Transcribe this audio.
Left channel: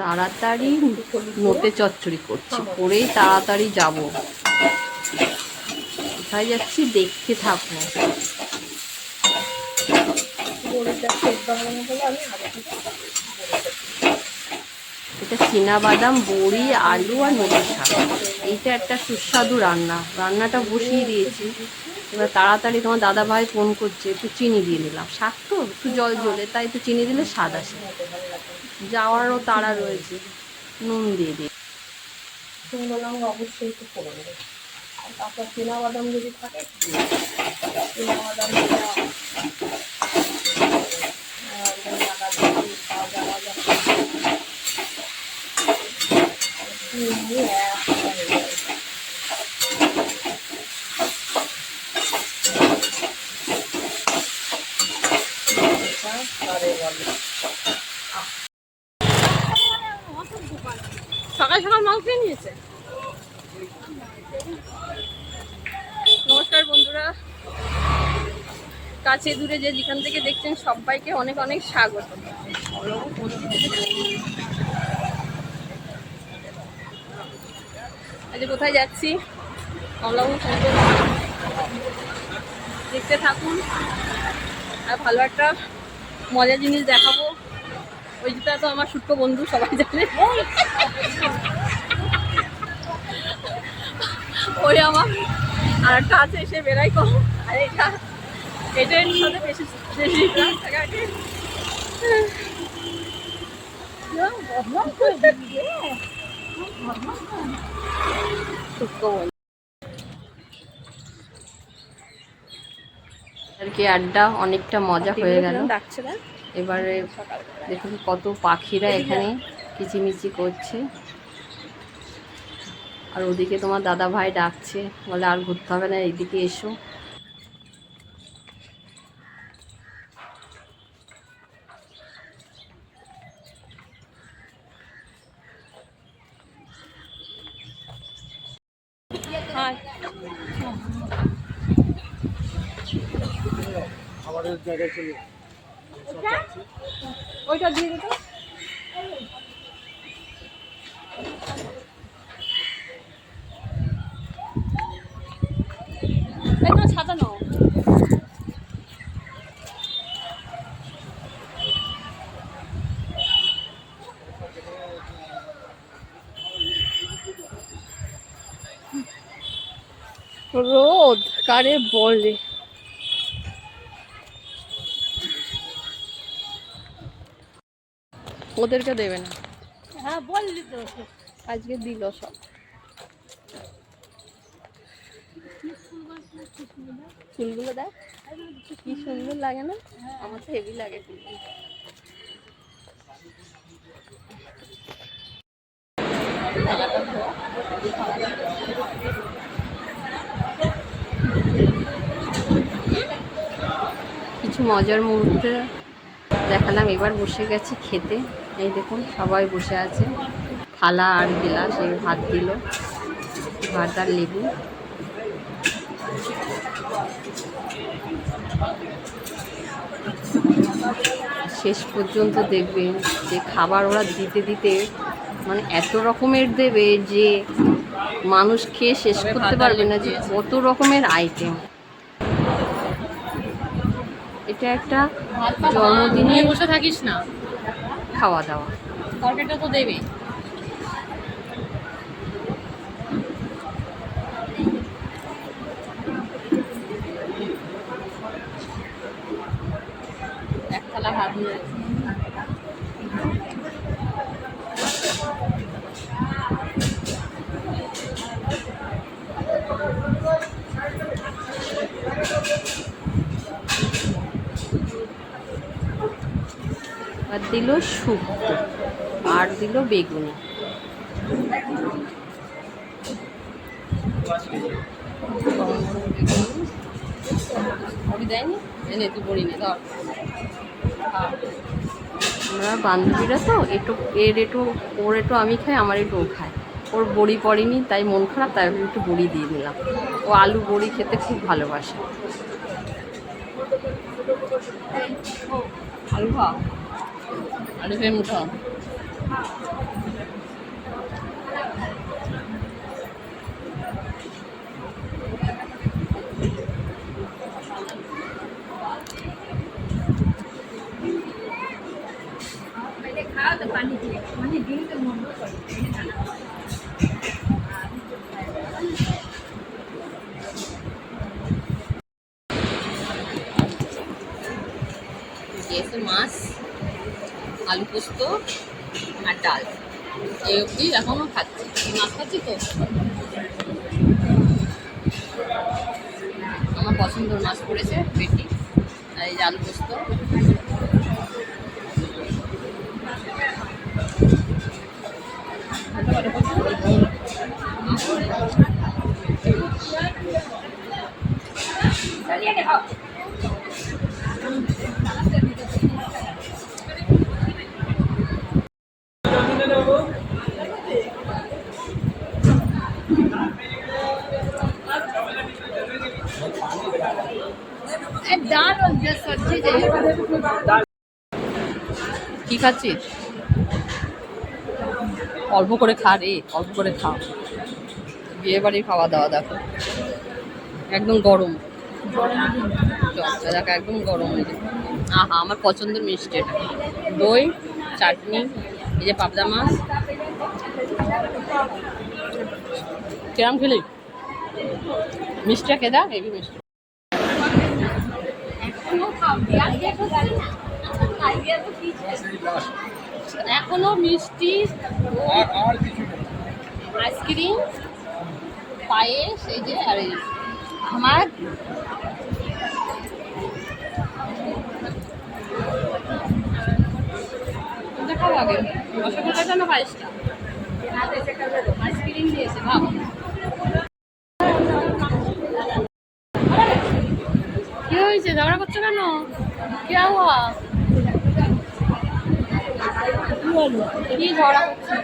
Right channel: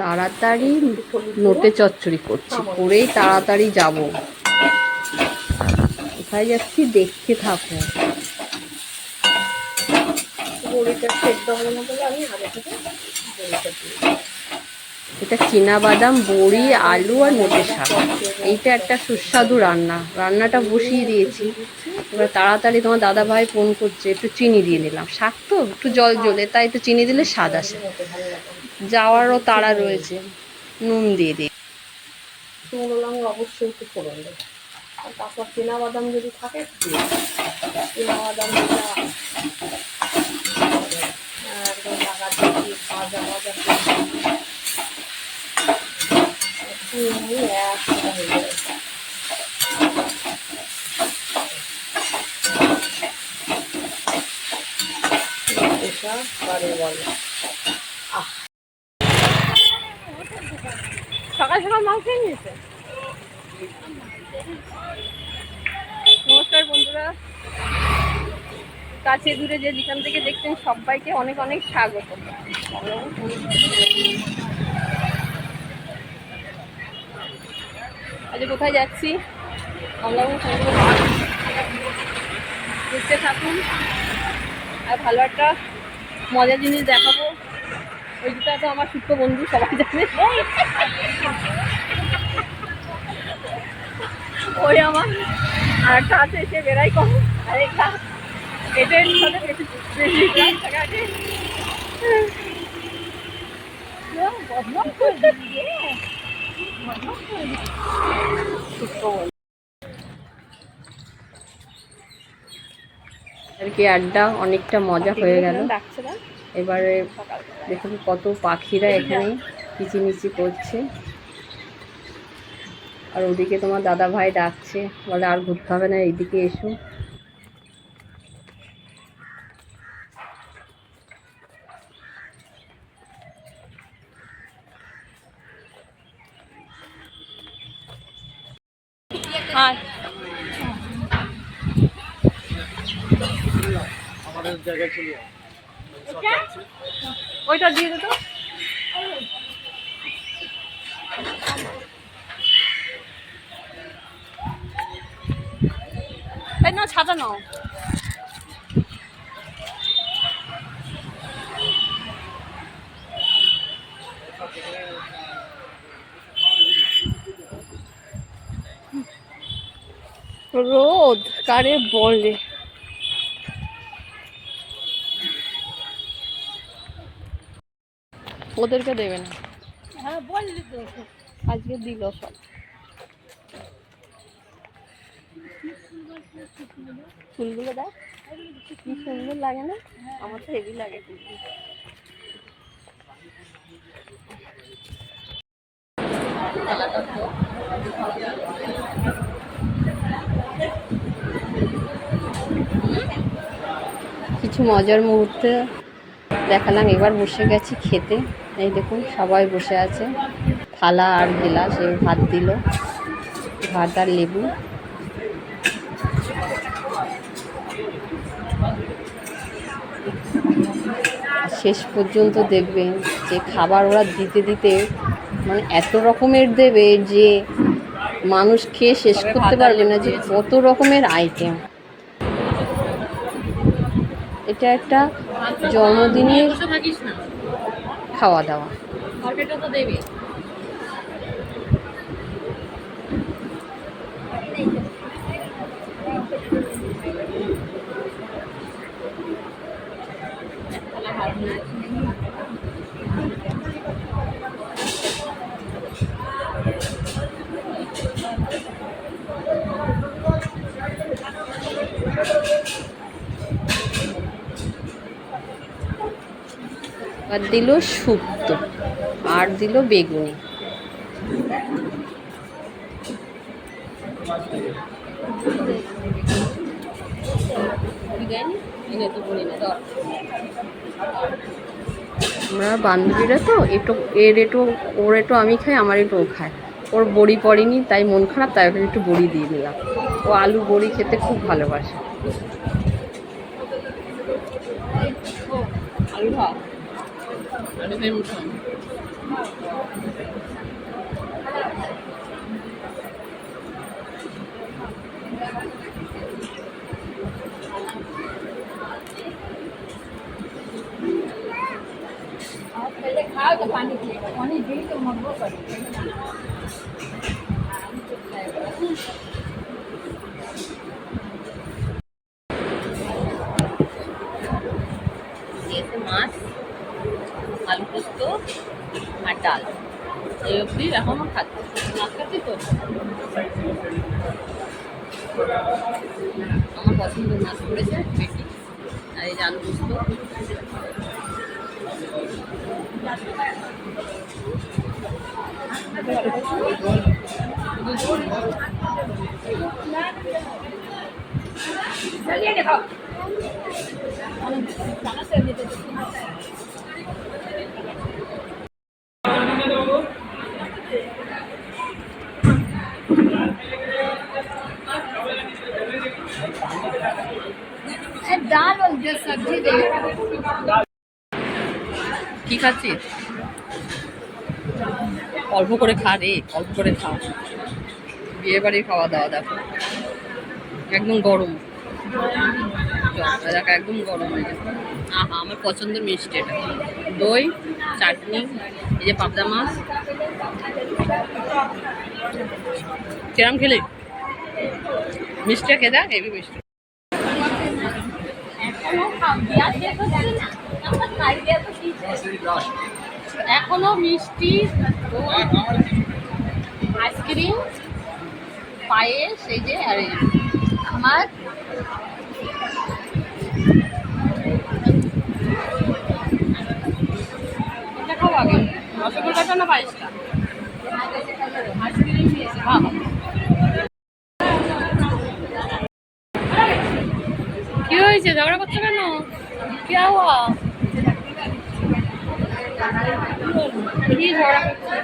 তাড়াতাড়ি নোটে চচ্চড়ি করছি, করেই তাড়াতাড়ি যাব। কোথায় যাচ্ছি দেখতে থাকো। এটা চীনাবাদাম, বড়ি, আলু আর নোটের শাক। এইটা একটা সুস্বাদু রান্নাটা বসিয়ে দিয়েছি। এবার তাড়াতাড়ি তোমার দাদা ভাই ফোন করছে, একটু চিনি দিয়ে নিলাম। শাক তো একটু জল জ্বলে, তাই একটু চিনি দিলে স্বাদ আসে। যাওয়ারও তাড়া রয়েছে, নুন দিয়ে দিই। শুকনো লঙ্কা অবশ্যই একটু ফোড়ন দেয়, আর তারপর চীনাবাদাম যদি থাকে চীনাবাদাম সকাল সকাল মাল খেয়ে নিয়েছে। নমস্কার বন্ধুরা, কাছে দূরে যে যেখান থেকে দেখছেন সবাইকে অনেক অনেক স্বাগত। আজ কোথায় যাচ্ছি কমলাবাবু দেখতে থাকুন, আর ভালো একটা মজার জিনিস দেখাবো। ওই যেটা তো আমার সূক্ষ্ম বন্ধু, সবাই জানে। ওই আমার আর একটা আছে, সে বেড়াই কম। আর এটার সাথে বেশি রাস্তাঘাটে আর কি আড্ডা অনেকটা মজা হয়ে গেল। এবারে দেখুন কত পাখিরা এখানে কিচিমিচি করছে, আর ওদিকে তোমার দাদা ভাই ডাকছে, বলে আর ঘুরতে হবে না, এইদিকে এসো। ওইটা দিয়ে দিত না, ছাতা নাও। রোদ কারে বলে। ওদেরকে দেবে না? হ্যাঁ বললি তো, আজকে দিল সব। ফুলগুলো দেখ কি সুন্দর লাগে না? আমার তো হেভি লাগে ফুলগুলো। কিছু মজার মুহূর্তে দেখালাম। এবার বসে গেছি খেতে। এই দেখুন সবাই বসে আছে, থালা আর গ্লাস, এই ভাত দিল, ভাত আর লেবু। শেষ পর্যন্ত দেখবেন যে খাবার ওরা দিতে দিতে মানে এত রকমের দেবে যে মানুষ খেয়ে শেষ করতে পারবে না, যে কত রকমের আইটেম। এটা একটা জন্মদিনের খাওয়া দাওয়া। তো দেবে আর দিল শুক্তো আর দিল বেগুনি। আমরা বান্ধবীরা তো ওর একটু আমি খাই, আমার একটু ও খায়। ওর বড়ি পড়েনি তাই মন খারাপ, তাই ওকে একটু বড়ি দিয়ে দিলাম। ও আলু বড়ি খেতে খুব ভালোবাসে। আলু খা, আলু খেয়ে মুখা। এসে মাছ, আলু পোস্ত আর ডাল, এই অবধি এখনো খাচ্ছি, মাছ খাচ্ছি তো। আমার পছন্দের মাছ পড়েছে পেটি, আর এই যে আলু পোস্ত। दाल और जो सब्जी दे কি খাচ্ছিস? অল্প করে খা রে, অল্প করে খা। বিয়ে বাড়ির খাওয়া দাওয়া দেখো, একদম গরম। দেখো একদম গরম হয়ে যায়। আহা, আমার পছন্দের মিষ্টি এটা। দই, চাটনি, এই যে পাবদা মাছ। কিরম খেলি? মিষ্টিটা খেয়ে দেখ, হেভি মিষ্টি। এখনো মিষ্টি, আইসক্রিম, পায়েস, এই যে আর আমার কোনটা খাও আগে, রসগোল্লাটা না পায়েসটা? আইসক্রিম দিয়েছে, ভাব। কি হয়েছে, ঝগড়া করছো কেন? কি হওয়া? কি ঝগড়া করছো?